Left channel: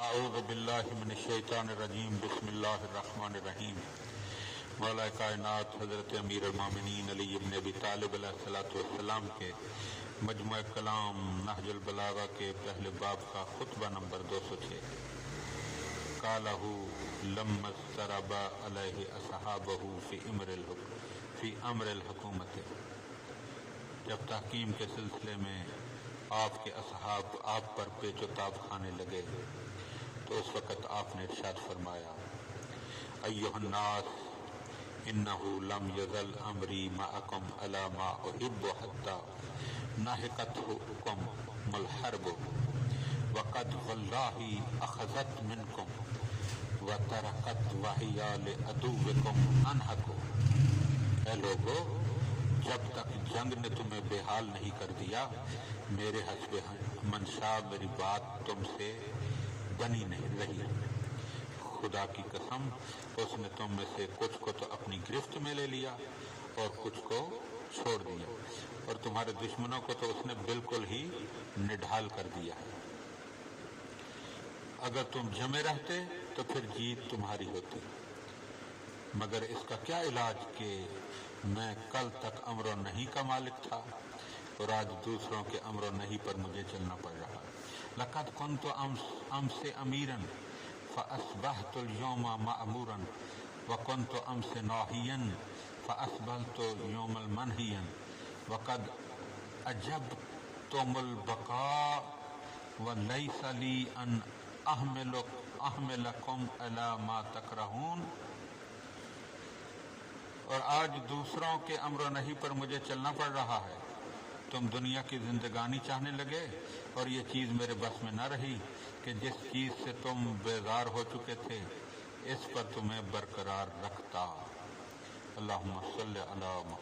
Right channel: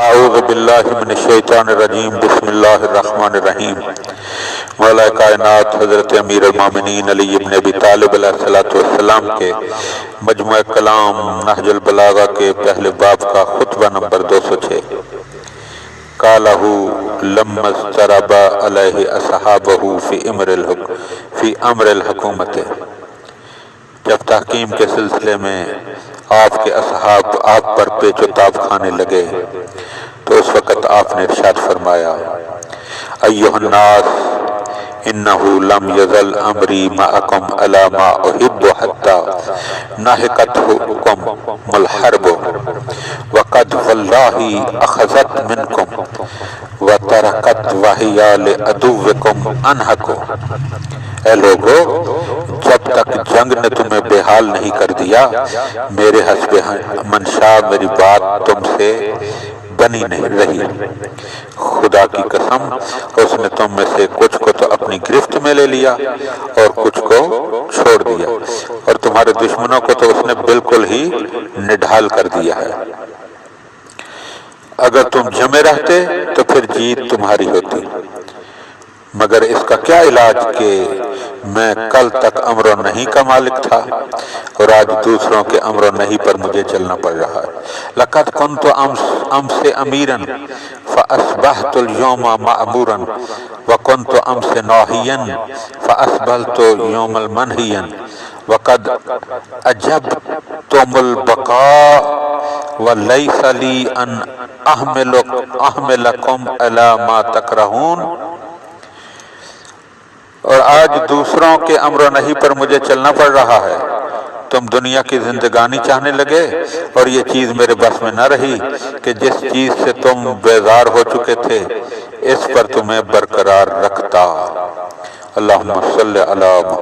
اعوذ باللہ من الشیطان الرجیم بسم اللہ الرحمن الرحیم مولا کائنات حضرت امیر المومنین علی ابن ابی طالب علیہ السلام کے مجموعہ کلام نہج البلاغہ کے پہلے باب کا خطبہ نمبر 206 قالہ لما اضطرب علیہ اصحابہ فی امر الحکومت، جب تحکیم کے سلسلے میں آپ کے اصحاب آپ پر پیچ و تاب کھانے لگے تو اس وقت آپ نے ارشاد فرمایا ایھا الناس انہ لم یزل امری معکم علی ما احب حتی ناہقتکم الحرب وقد واللہ اخذت منکم وترکت وہی لعدوکم انہکو۔ اے لوگو، جب تک جنگ نے تمہیں بے حال نہیں کر دیا، میرے حسب منشا میری بات تم سے بنی نہیں رہی۔ خدا کی قسم، اس نے تم میں سے کچھ کو تو اپنی گرفت میں لے لیا اور کچھ کو چھوڑ دیا، اور تمہارے دشمنوں کو تو اس نے بالکل ہی نڈھال کر دیا ہے۔ اگر تم جمے رہتے تو پھر جیت تمہاری ہوتی، مگر اس کا کیا علاج کہ میں کل تک امر و نہی کا مالک تھا اور آج دوسروں کے امر و نہی پر مجھے چلنا پڑ رہا ہے۔ لقد كنت امس اميرا فاصبحت اليوم مأمورا وكنت امس ناهيا فاصبحت يوم منهيا وقد اجبتم البقاء وليس لي ان احملكم على ما تكرهون۔ اور آج دوسروں کے امر و نہی پر مجھے چلنا پڑ رہا ہے۔ تم دنیا کی زندگانی چاہنے لگے اور یہ چیز میرے بس میں نہ رہی کہ جس چیز سے تم بیزار ہو چکے تھے اس پر تمہیں برقرار رکھتا۔ اللہم صلی علی محمد۔